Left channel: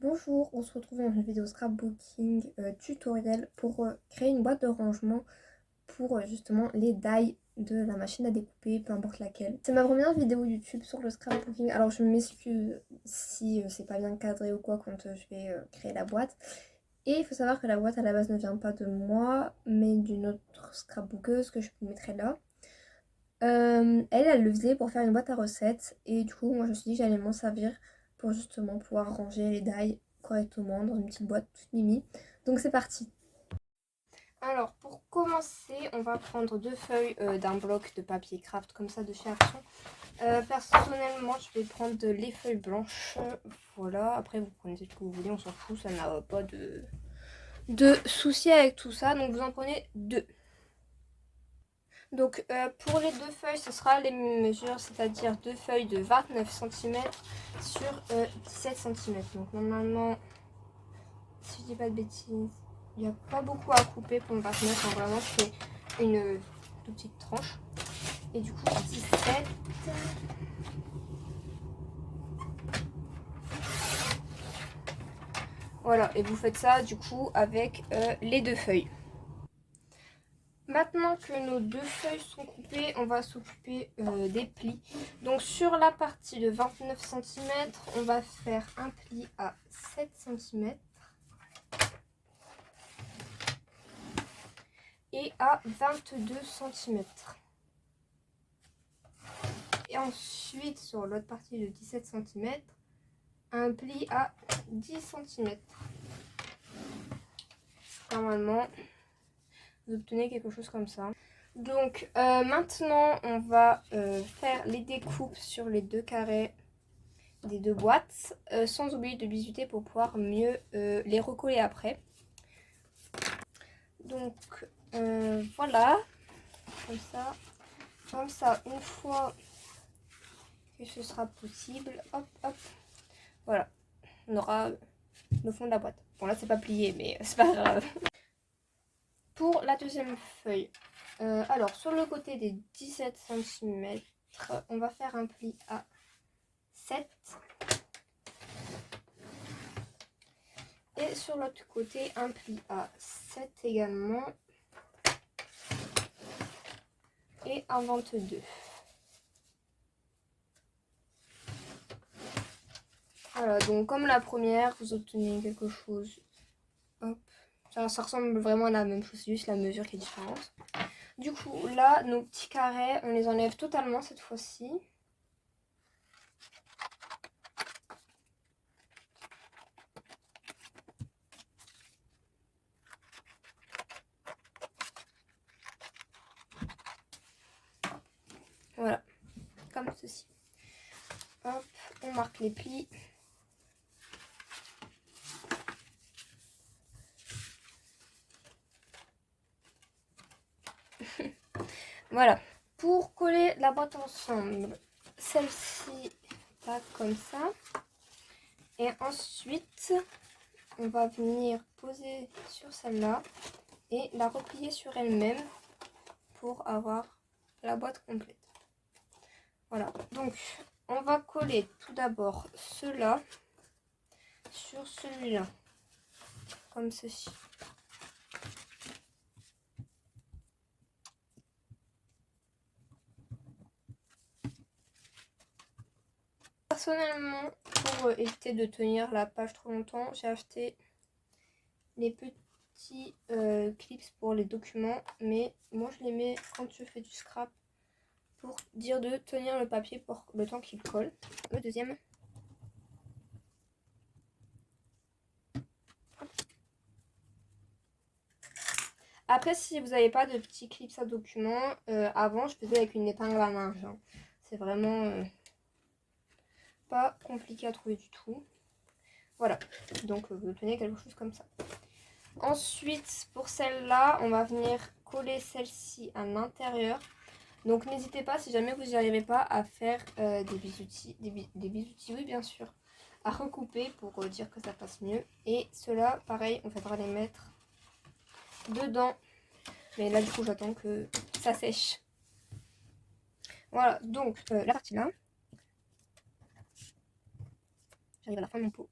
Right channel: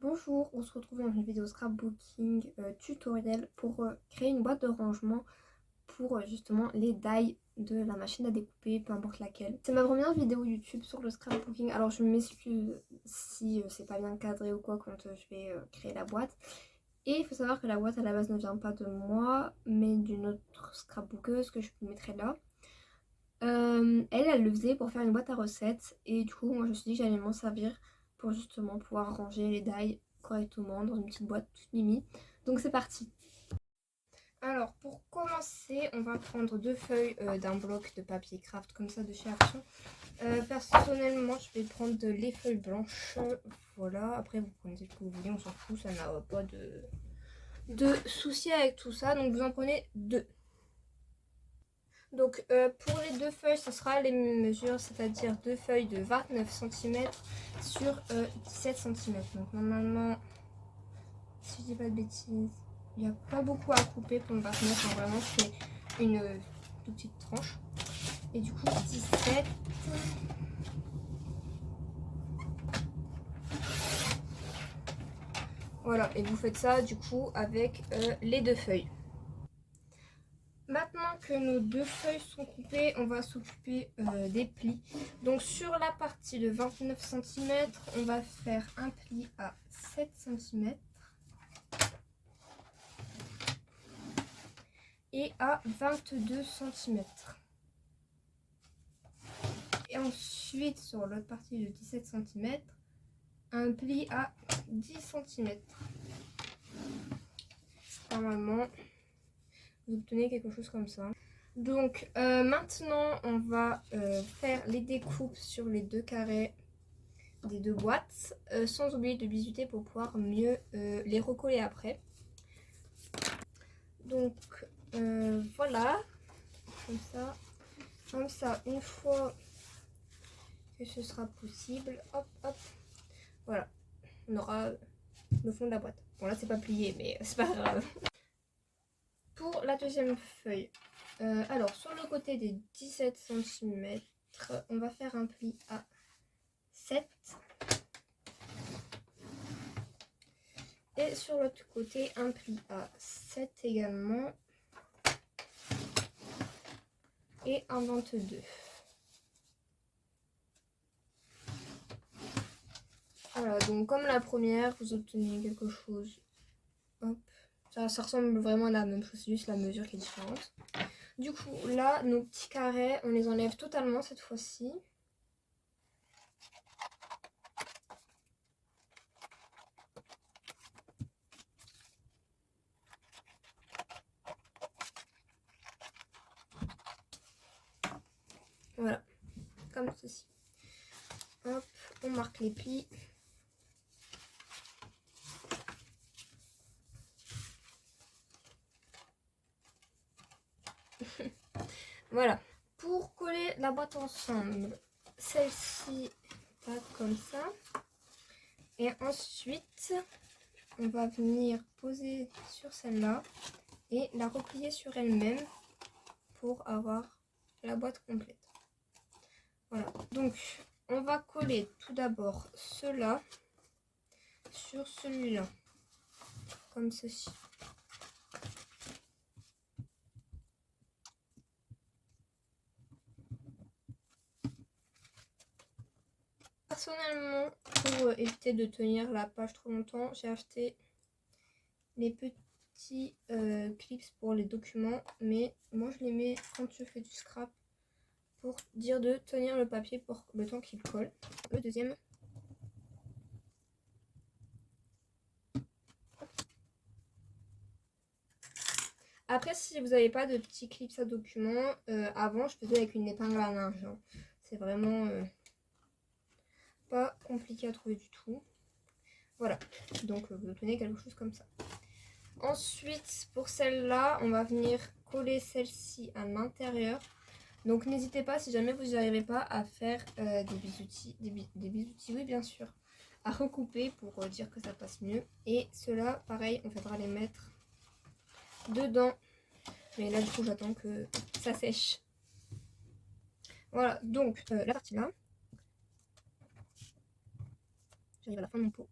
Bonjour, on se retrouve dans une vidéo scrapbooking tutoriel pour créer une boîte de rangement pour justement les die de la machine à découper, peu importe laquelle. C'est ma première vidéo YouTube sur le scrapbooking, alors je m'excuse si c'est pas bien cadré ou quoi quand je vais créer la boîte. Et il faut savoir que la boîte à la base ne vient pas de moi, mais d'une autre scrapbookeuse que je vous mettrai là. Elle le faisait pour faire une boîte à recettes et du coup moi je me suis dit que j'allais m'en servir pour justement pouvoir ranger les die correctement dans une petite boîte toute mimi. Donc c'est parti. Alors pour commencer on va prendre deux feuilles d'un bloc de papier craft comme ça de chez Action. Personnellement je vais prendre les feuilles blanches. Voilà, après vous prenez ce que vous voulez, on s'en fout, ça n'a pas de souci avec tout ça. Donc vous en prenez deux. Donc pour les deux feuilles, ce sera les mêmes mesures, c'est-à-dire deux feuilles de 29 cm sur 17 cm. Donc normalement, si je dis pas de bêtises, il n'y a pas beaucoup à couper pour le 29, hein, vraiment c'est une toute petite tranche. Et du coup 17. Voilà, et vous faites ça du coup avec les deux feuilles. Maintenant que nos deux feuilles sont coupées, on va s'occuper des plis. Donc sur la partie de 29 cm, on va faire un pli à 7 cm et à 22 cm. Et ensuite sur l'autre partie de 17 cm, un pli à 10 cm. Normalement, vous obtenez quelque chose comme ça. Donc maintenant, on va faire les découpes sur les deux carrés des deux boîtes, sans oublier de bisuter pour pouvoir mieux les recoller après. Donc voilà, comme ça, une fois que ce sera possible, hop hop, voilà, on aura le fond de la boîte. Bon là c'est pas plié mais c'est pas grave. Pour la deuxième feuille, alors sur le côté des 17 cm, on va faire un pli à 7. Et sur l'autre côté, un pli à 7 également. Et un 22. Voilà, donc comme la première, vous obtenez quelque chose. Hop. Ça ressemble vraiment à la même chose, c'est juste la mesure qui est différente. Du coup, là, nos petits carrés, on les enlève totalement cette fois-ci. Voilà, comme ceci. Hop, on marque les plis. Voilà. Pour coller la boîte ensemble, celle-ci, comme ça. Et ensuite, on va venir poser sur celle-là et la replier sur elle-même pour avoir la boîte complète. Voilà, donc on va coller tout d'abord cela sur celui-là, comme ceci. Personnellement, pour éviter de tenir la page trop longtemps, j'ai acheté les petits clips pour les documents, mais moi je les mets quand je fais du scrap pour dire de tenir le papier pour le temps qu'il colle. Le deuxième. Après, si vous n'avez pas de petits clips à documents, avant je faisais avec une épingle à linge. Hein. C'est vraiment pas compliqué à trouver du tout. Voilà, donc vous obtenez quelque chose comme ça. Ensuite, pour celle-là, on va venir coller celle-ci à l'intérieur. Donc n'hésitez pas, si jamais vous n'y arrivez pas, à faire des bisoutis, oui bien sûr, à recouper pour dire que ça passe mieux. Et ceux-là, pareil, on va les mettre dedans. Mais là, du coup, j'attends que ça sèche. Voilà, donc la partie là. J'arrive à la fin de mon pot.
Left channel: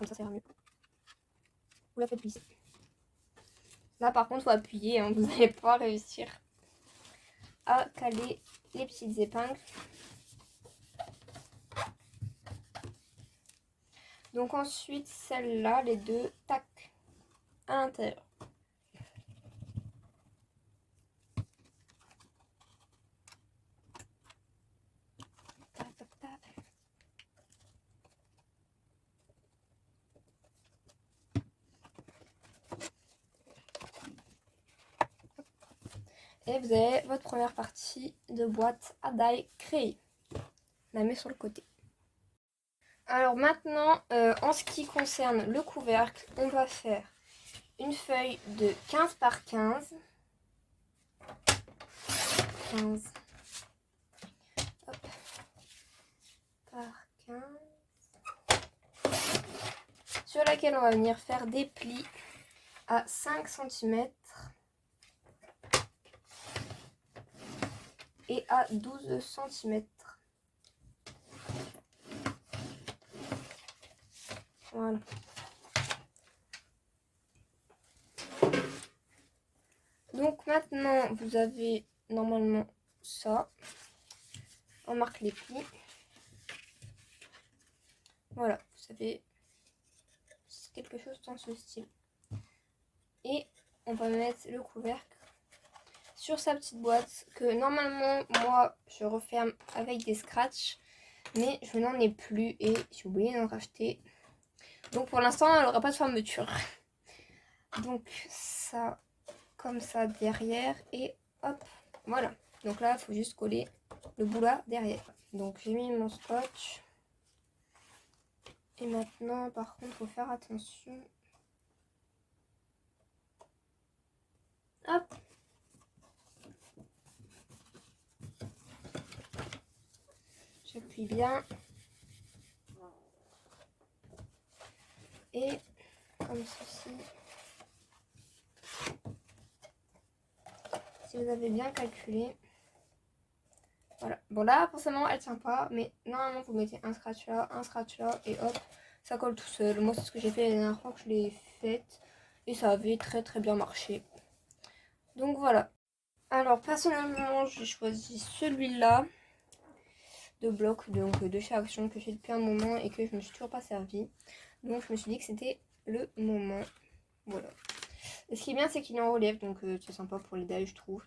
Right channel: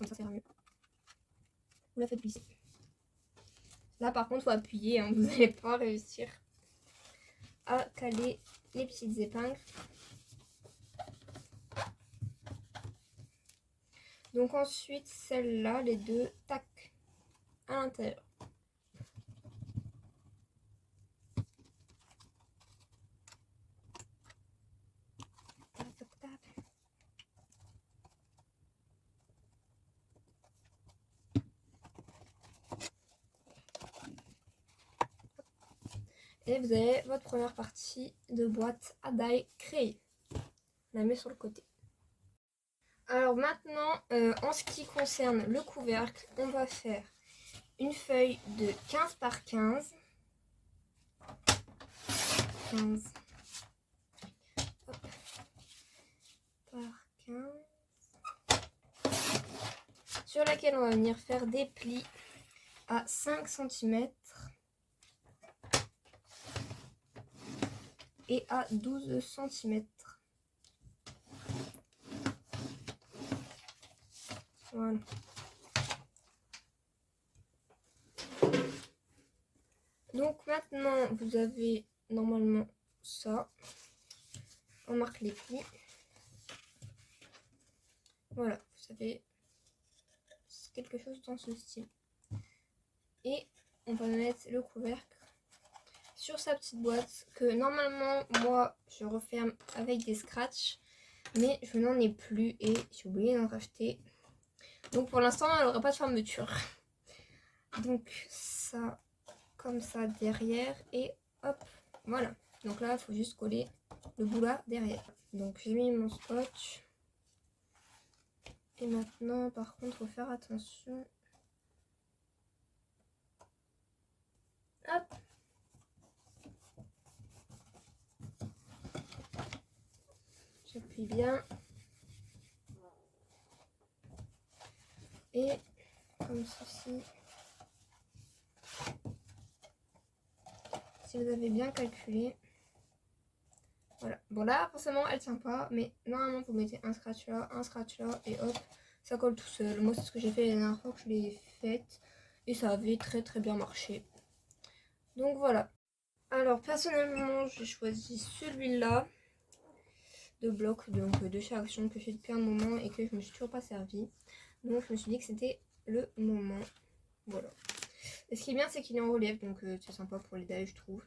comme ça ira mieux. Vous la faites glisser. Là par contre, il faut appuyer, hein, vous n'allez pas réussir à caler les petites épingles. Donc ensuite, celles-là, les deux, tac, à l'intérieur. Et vous avez votre première partie de boîte à die créée. On la met sur le côté. Alors maintenant, en ce qui concerne le couvercle, on va faire une feuille de 15 par 15. 15 hop, par 15. Sur laquelle on va venir faire des plis à 5 cm. Et à 12 cm. Voilà. Donc maintenant, vous avez normalement ça. On marque les plis. Voilà, vous avez quelque chose dans ce style. Et on va mettre le couvercle sur sa petite boîte que normalement moi je referme avec des scratchs, mais je n'en ai plus et j'ai oublié d'en racheter, donc pour l'instant elle n'aura pas de fermeture. Donc ça comme ça derrière et hop, voilà. Donc là il faut juste coller le bout là derrière. Donc j'ai mis mon scotch et maintenant par contre il faut faire attention. Hop, j'appuie bien et comme ceci. Si vous avez bien calculé, voilà. Bon là forcément elle tient pas, mais normalement vous mettez un scratch là et hop, ça colle tout seul. Moi c'est ce que j'ai fait la dernière fois que je l'ai faite et ça avait très bien marché. Donc voilà. Alors personnellement j'ai choisi celui-là de bloc, donc de chez Action, que j'ai depuis un moment et que je me suis toujours pas servi. Donc je me suis dit que c'était le moment. Voilà. Et ce qui est bien c'est qu'il est en relief, donc c'est sympa pour les dailles je trouve.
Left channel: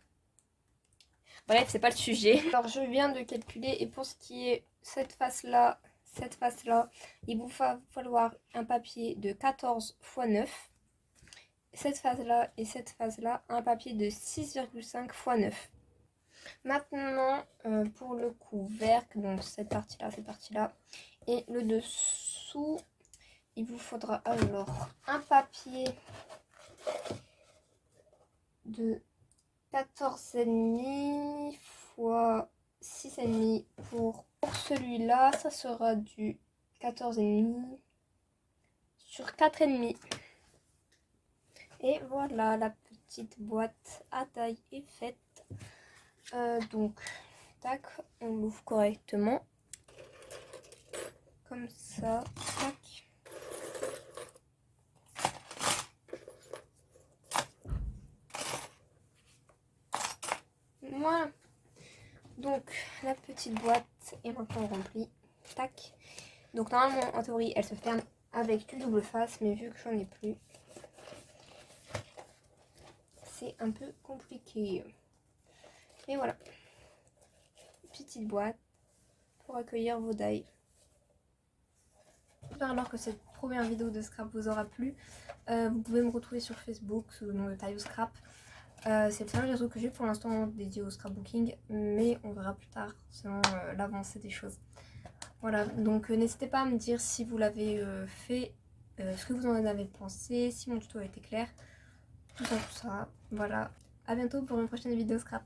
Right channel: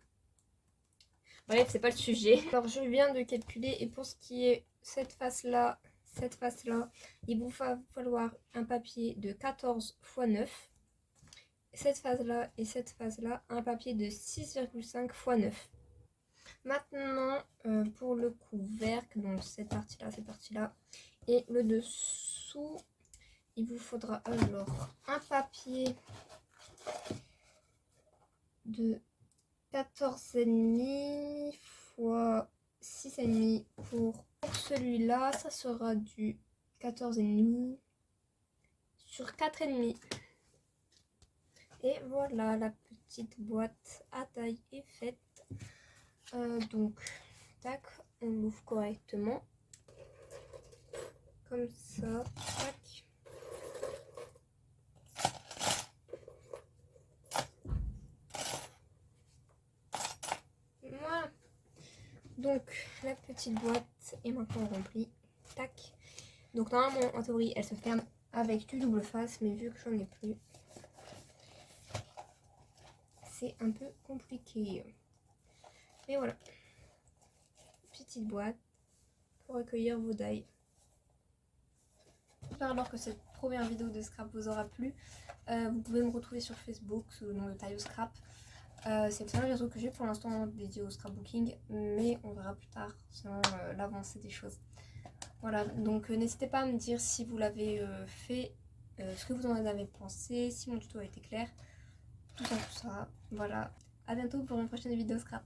Bref, c'est pas le sujet. Alors je viens de calculer et pour ce qui est cette face là, il vous va falloir un papier de 14 x 9. Cette face là et cette face là, un papier de 6,5 x 9. Maintenant pour le couvercle, donc cette partie là et le dessous, il vous faudra alors un papier de 14,5 x 6,5 pour celui-là, ça sera du 14,5 sur 4,5. Et voilà, la petite boîte à taille est faite. Donc, tac, on l'ouvre correctement. Comme ça, tac. Voilà. Donc la petite boîte est maintenant remplie. Tac. Donc normalement en théorie elle se ferme avec du double face, mais vu que j'en ai plus, c'est un peu compliqué. Mais voilà. Petite boîte pour accueillir vos dies. J'espère alors que cette première vidéo de scrap vous aura plu. Vous pouvez me retrouver sur Facebook sous le nom de Taille au Scrap. C'est le seul réseau que j'ai pour l'instant dédié au scrapbooking, mais on verra plus tard selon l'avancée des choses. Voilà, donc n'hésitez pas à me dire si vous l'avez fait, ce que vous en avez pensé, si mon tuto a été clair, tout ça. Voilà, à bientôt pour une prochaine vidéo scrap.